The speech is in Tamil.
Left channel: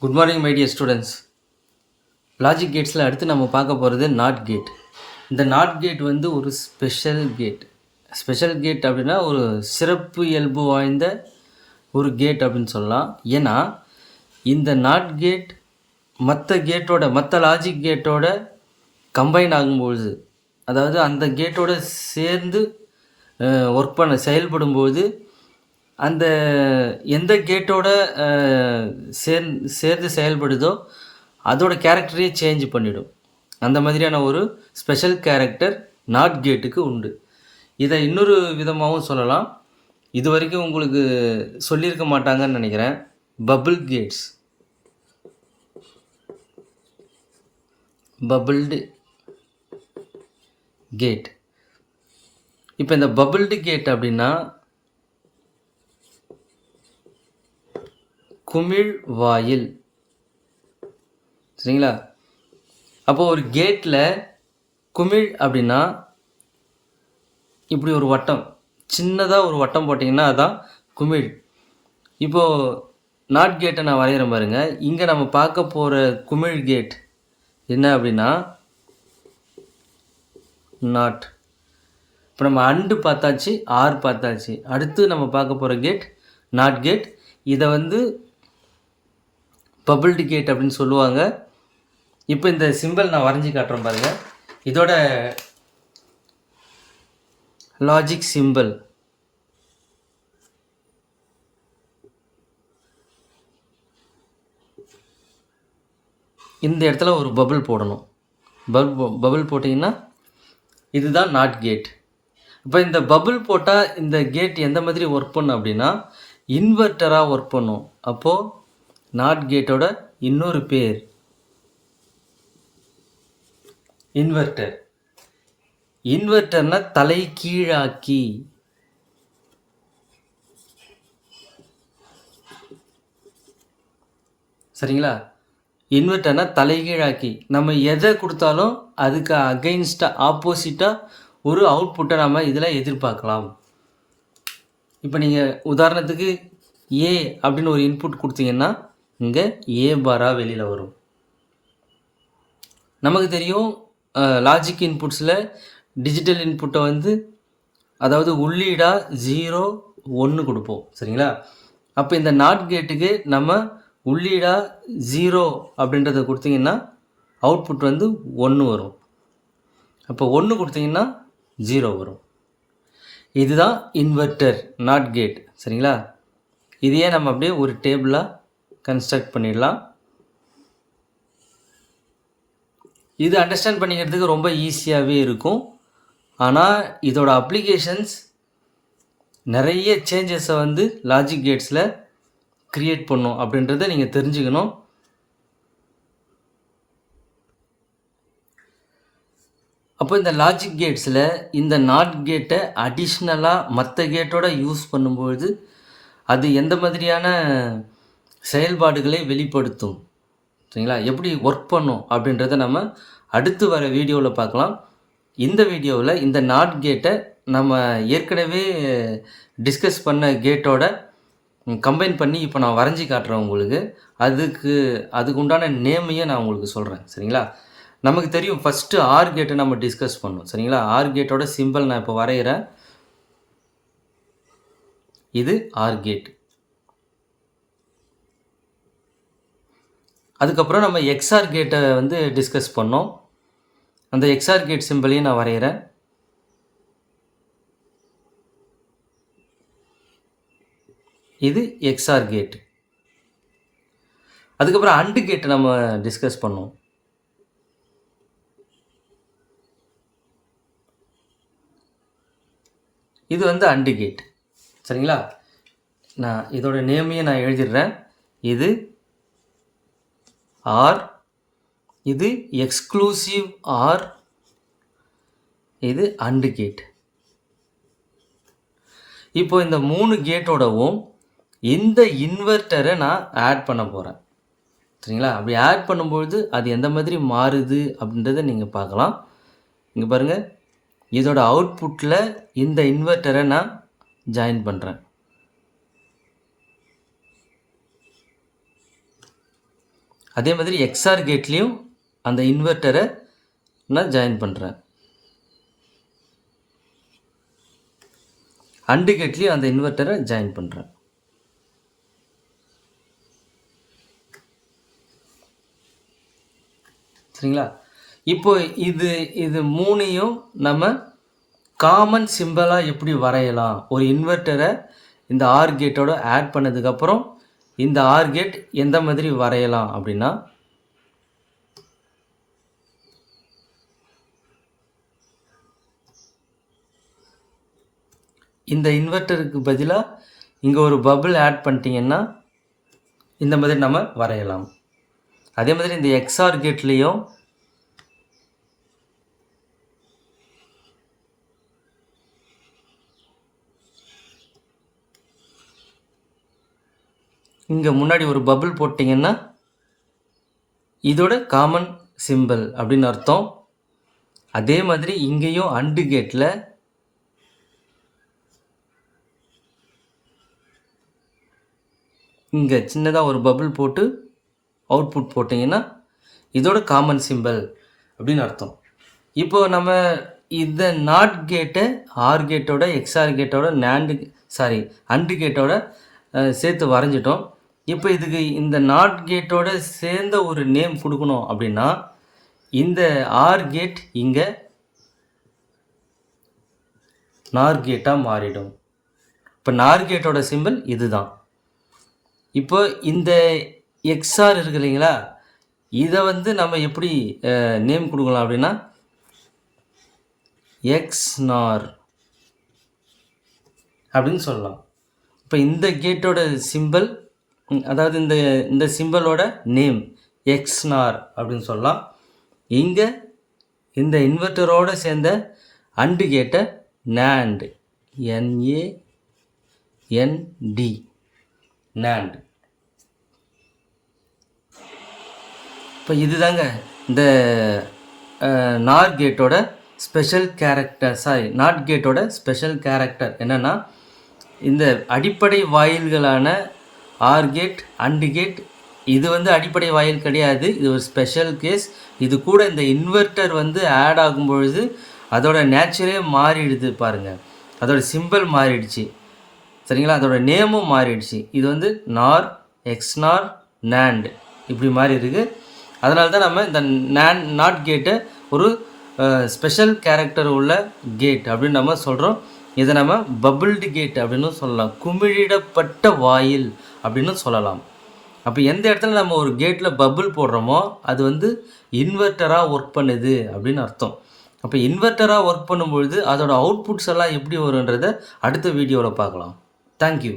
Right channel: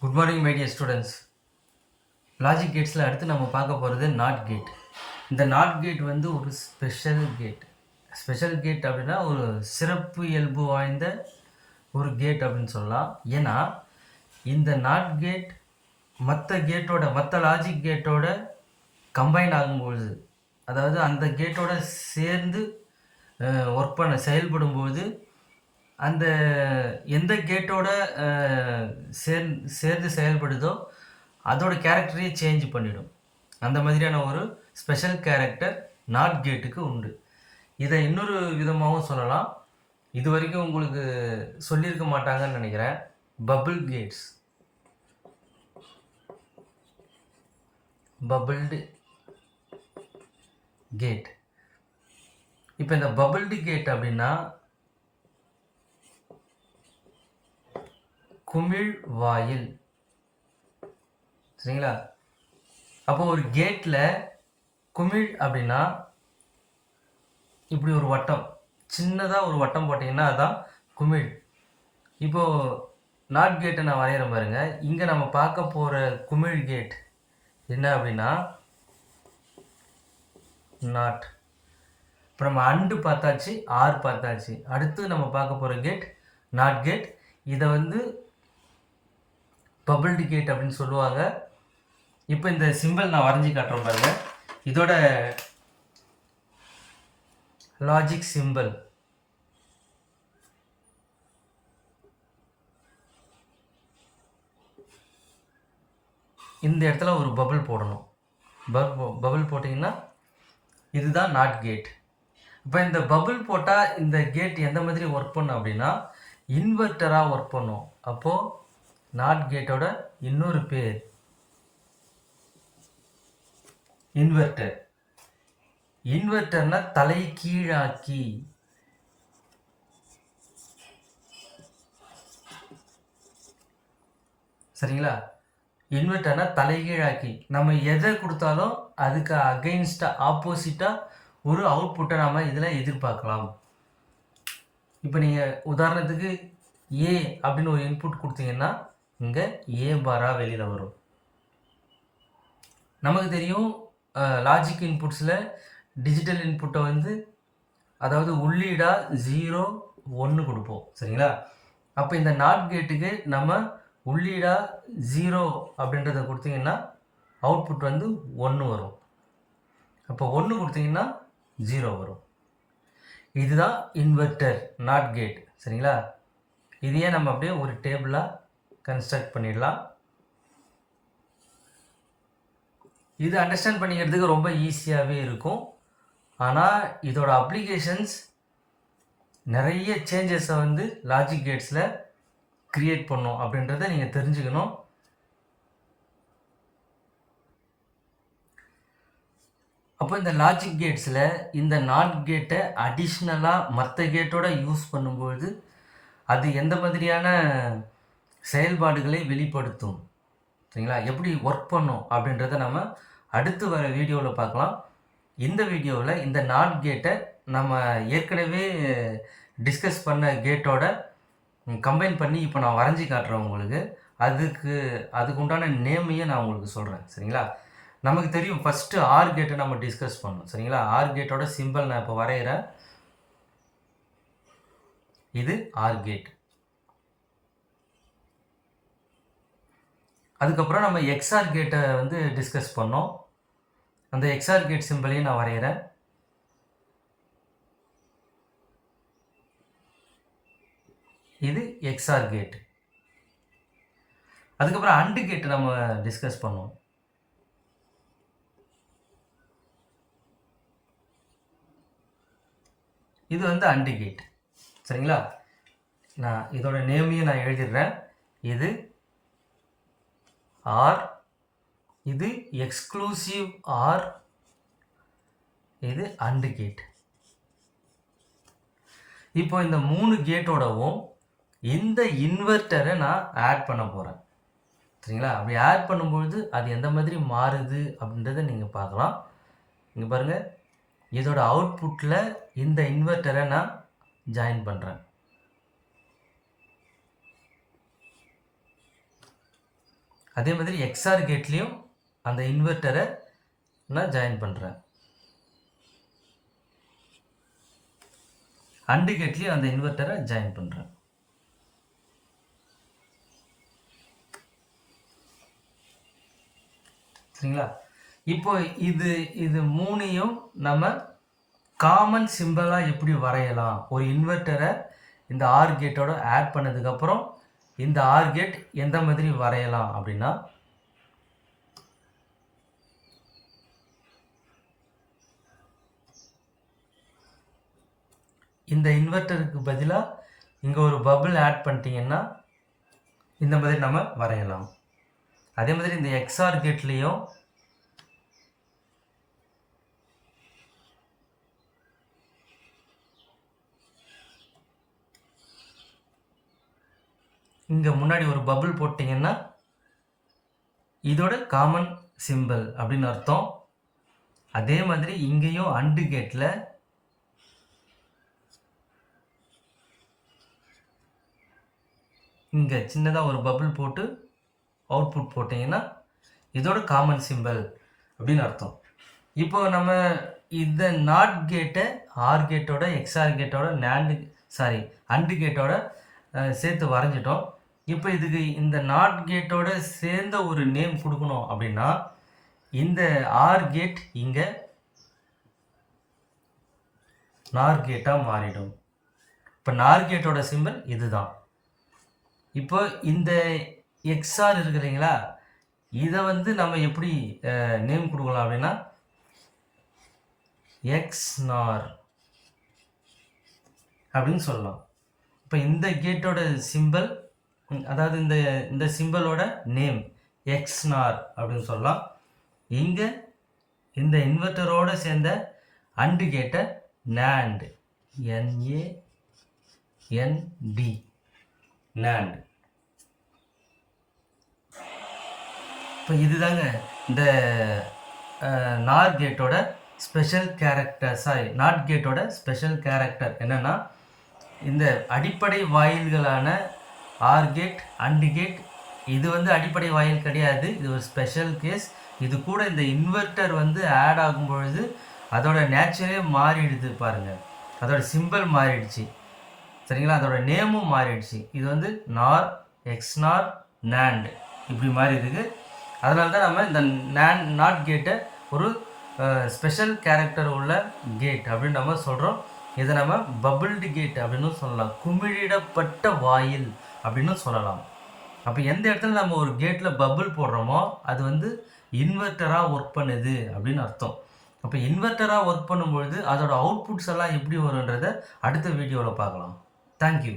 Good morning my dear students logic கேட்ஸில் அடுத்து நம்ம பார்க்க போகிறது நாட் கேட் இந்த நாட் கேட் வந்து ஒரு ஸ்பெஷல் கேட் ஸ்பெஷல் கேட் அப்படின்னா ஒரு சிறப்பு இயல்பு வாய்ந்த ஒரு கேட் அப்படின்னு சொல்லலாம். ஏன்னா இந்த நாட் கேட் மற்ற கேட்டோட மற்ற லாஜிக் கேட்டோட கம்பைன் ஆகும்பொழுது அதாவது அந்த கேட்டோட சேர்ந்து ஒர்க் பண்ண செயல்படும்போது அந்த எந்த கேட்டோட சேர் சேர்ந்து செயல்படுதோ அதோட கேரக்டரையே சேஞ்ச் பண்ணிடும். அந்த மாதிரியான ஒரு ஸ்பெஷல் கேரக்டர் நாட் கேட்டுக்கு உண்டு. இதை இன்னொரு விதமாகவும் சொல்லலாம். இது வரைக்கும் உங்களுக்கு சொல்லியிருக்க மாட்டாங்கன்னு நினைக்கிறேன். பபிள் கேட்ஸ் பபிள்டு கேட் இப்போ இந்த பபிள்டு கேட் அப்படின்னா குமிழ் வாயில் சரிங்களா? அப்போ ஒரு கேட்டில் குமிழ் அப்படின்னா இப்படி ஒரு வட்டம். சின்னதாக ஒரு வட்டம் போட்டிங்கன்னா அதுதான் குமிழ். இப்போது நாட் கேட்டை நான் வரைகிறேன் பாருங்க. இங்கே நம்ம பார்க்க போகிற குமிழ் கேட் என்ன அப்படின்னா நாட் இப்போ நம்ம அண்டு பார்த்தாச்சு ஆர் பார்த்தாச்சு. அடுத்து நம்ம பார்க்க போகிற கேட் நாட் கேட் இதை வந்து பபிள் கேட் அப்படின்னு சொல்லுவாங்க. இப்போ இந்த சிம்பிள் நான் வரைஞ்சி காட்டுறேன் பாருங்க. இதோட லாஜிக் சிம்பிள் இந்த இடத்துல ஒரு பபுள் போடணும். பபுள் பபுள் போட்டிங்கன்னா இதுதான் நாட் கேட் இப்போ இந்த பபுள் போட்டால் இந்த கேட் எந்த மாதிரி ஒர்க் பண்ணும் அப்படின்னா இன்வெர்ட்டராக ஒர்க் பண்ணும். அப்போது நாட் கேட்டோட இன்னொரு பேர். இன்வெர்ட்டர். இன்வெர்டர்னா தலை கீழாக்கி சரிங்களா? இன்வெர்டர்னா தலைகீழாக்கி. நம்ம எதை கொடுத்தாலும் அதுக்கு அகெயின்ஸ்டாக ஆப்போசிட்டாக ஒரு அவுட்புட்டை நம்ம இதில் எதிர்பார்க்கலாம். இப்போ நீங்கள் உதாரணத்துக்கு ஏ அப்படின்னு ஒரு இன்புட் கொடுத்தீங்கன்னா இங்கே ஏ பாராக வெளியில் வரும். நமக்கு தெரியும் லாஜிக் இன்புட்ஸில் டிஜிட்டல் இன்புட்டை வந்து அதாவது உள்ளீடாக ஜீரோ ஒன்று கொடுப்போம். சரிங்களா? அப்போ இந்த நாட் கேட்டுக்கு நம்ம உள்ளீடாக ஜீரோ அப்படின்றத கொடுத்தீங்கன்னா அவுட்புட் வந்து ஒன்று வரும். அப்போ ஒன்று கொடுத்தீங்கன்னா ஜீரோ வரும். இதுதான் இன்வெர்ட்டர் நாட் கேட் சரிங்களா? இதையே நம்ம அப்படியே ஒரு டேபிளாக கன்ஸ்ட்ரக்ட் பண்ணிடலாம். இது அண்டர்ஸ்டாண்ட் பண்ணிக்கிறதுக்கு ரொம்ப ஈஸியாகவே இருக்கும். ஆனால் இதோட அப்ளிகேஷன்ஸ் நிறைய சேஞ்சஸை வந்து லாஜிக் கேட்ஸில் க்ரியேட் பண்ணும் அப்படின்றத நீங்கள் தெரிஞ்சுக்கணும். அப்போ இந்த லாஜிக் கேட்ஸில் இந்த நாட் கேட்டை அடிஷ்னலாக மற்ற கேட்டோட யூஸ் பண்ணும்பொழுது அது எந்த மாதிரியான செயல்பாடுகளை வெளிப்படுத்தும். சரிங்களா? எப்படி ஒர்க் பண்ணும் அப்படின்றத நம்ம அடுத்து வர வீடியோவில் பார்க்கலாம். இந்த வீடியோவில் இந்த நாட் கேட்டை நம்ம ஏற்கனவே டிஸ்கஸ் பண்ண கேட்டோட கம்பைன் பண்ணி இப்போ நான் வரைஞ்சி காட்டுறேன் உங்களுக்கு. அதுக்கு அதுக்கு உண்டான நேமையே நான் உங்களுக்கு சொல்கிறேன் சரிங்களா? நமக்கு தெரியும் ஃபஸ்ட்டு ஆர் கேட்டை நம்ம டிஸ்கஸ் பண்ணோம். சரிங்களா? ஆர் கேட்டோட சிம்பிள் நான் இப்போ வரைகிறேன் இது ஆர் கேட் அதுக்கப்புறம் நம்ம எக்ஸ்ஆர் கேட்டை வந்து டிஸ்கஸ் பண்ணோம். அந்த எக்ஸ்ஆர் கேட் சிம்பிளையும் நான் வரைகிறேன் இது எக்ஸ்ஆர் கேட் அதுக்கப்புறம் அண்டு கேட்டை நம்ம டிஸ்கஸ் பண்ணோம். இது வந்து அண்டு கேட் சரிங்களா? நான் இதோட நேமையும் நான் எழுதிடுறேன். இது ஆர் இது எக்ஸ்க்ளூசிவ் ஆர் இது அண்டு கேட் இப்போ இந்த மூணு கேட்டோடவும் இந்த இன்வெர்ட்டரை நான் ஆட் பண்ண போகிறேன் சரிங்களா? அப்படி ஆட் பண்ணும்பொழுது அது எந்த மாதிரி மாறுது அப்படின்றத நீங்கள் பார்க்கலாம். இங்கே பாருங்கள் இதோட அவுட்புட்டில் இந்த இன்வெர்ட்டரை நான் ஜாயின் பண்ணுறேன் அதே மாதிரி எக்ஸ்ஆர் கேட்லேயும் அந்த இன்வெர்ட்டரை நான் ஜாயின் பண்ணுறேன் அண்டு கேட்லேயும் அந்த இன்வெர்ட்டரை ஜாயின் பண்ணுறேன் சரிங்களா? இப்போ இது இது மூணையும் நம்ம காமன் சிம்பிளாக எப்படி வரையலாம்? ஒரு இன்வெர்ட்டரை இந்த ஆர் கேட்டோட ஆட் பண்ணதுக்கப்புறம் இந்த ஆர் கேட் எந்த மாதிரி வரையலாம் அப்படின்னா இந்த இன்வெர்ட்டருக்கு பதிலாக இங்கே ஒரு பபிள் ஆட் பண்ணிட்டீங்கன்னா இந்த மாதிரி நம்ம வரையலாம். அதே மாதிரி இந்த எக்ஸ்ஆர் கேட்லேயும் இங்கே முன்னாடி ஒரு பபுள் போட்டிங்கன்னா இதோட காமன் சிம்பிள் அப்படின்னு அர்த்தம். அதே மாதிரி இங்கேயும் அண்டு கேட்டில் இங்கே சின்னதாக ஒரு பபுள் போட்டு அவுட்புட் போட்டிங்கன்னா இதோட காமன் சிம்பிள் அப்படின்னு அர்த்தம். இப்போ நம்ம இந்த நாட் கேட்டை ஆர் கேட்டோட எக்ஸ்ஆர் கேட்டோட நேண்டு சாரி அண்டு கேட்டோட சேர்த்து வரைஞ்சிட்டோம். இப்போ இதுக்கு இந்த நாட் கேட்டோட சேர்ந்த ஒரு நேம் கொடுக்கணும் அப்படின்னா இந்த ஆர் கேட் இங்கே நார் கேட்டாக மாறிடும். இப்போ நார் கேட்டோட சிம்பிள் இதுதான். இப்போ இந்த எக்ஸ்ஆர் இருக்கு இல்லைங்களா இதை வந்து நம்ம எப்படி நேம் கொடுக்கலாம் அப்படின்னா எக்ஸ் நார் அப்படின்னு சொல்லலாம். இப்போ இந்த கேட்டோட சிம்பிள் அதாவது இந்த இந்த சிம்பலோட நேம் எக்ஸ் நார் அப்படின்னு சொல்லலாம். இங்கே இந்த இன்வெர்ட்டரோடு சேர்ந்த அண்டு கேட்டை நேண்டு என்ஏ என்டி நேண்டு இப்போ இதுதாங்க இந்த நார் கேட்டோட ஸ்பெஷல் கேரக்டர் சாரி நாட் கேட்டோட ஸ்பெஷல் கேரக்டர் என்னென்னா இந்த அடிப்படை வாயில்களான ஆர் கேட் அண்டு கேட் இது வந்து அடிப்படை வாயில் கிடையாது. இது ஒரு ஸ்பெஷல் கேஸ் இது கூட இந்த இன்வெர்ட்டர் வந்து ஆட் ஆகும் பொழுது அதோட நேச்சரே மாறிடுது பாருங்கள் அதோட சிம்பிள் மாறிடுச்சு. சரிங்களா? அதோட நேமும் மாறிடுச்சு. இது வந்து நார் எக்ஸ்நார் நேண்ட் இப்படி மாறி இருக்கு. அதனால தான் நம்ம இந்த நேன் நாட் கேட்டை ஒரு ஸ்பெஷல் கேரக்டர் உள்ள கேட் அப்படின்னு நம்ம சொல்கிறோம் இதை நம்ம பபிள்டு கேட் அப்படின்னு சொல்லலாம். குமிழிடப்பட்ட வாயில் அப்படின்னு சொல்லலாம். அப்போ எந்த இடத்துல நம்ம ஒரு கேட்டில் பபிள் போடுறோமோ அது வந்து இன்வெர்ட்டராக ஒர்க் பண்ணுது அப்படின்னு அர்த்தம். அப்போ இன்வெர்ட்டராக ஒர்க் பண்ணும்பொழுது அதோடய அவுட்புட்ஸ் எல்லாம் எப்படி வருன்றதை அடுத்த வீடியோவில் பார்க்கலாம். தேங்க்யூ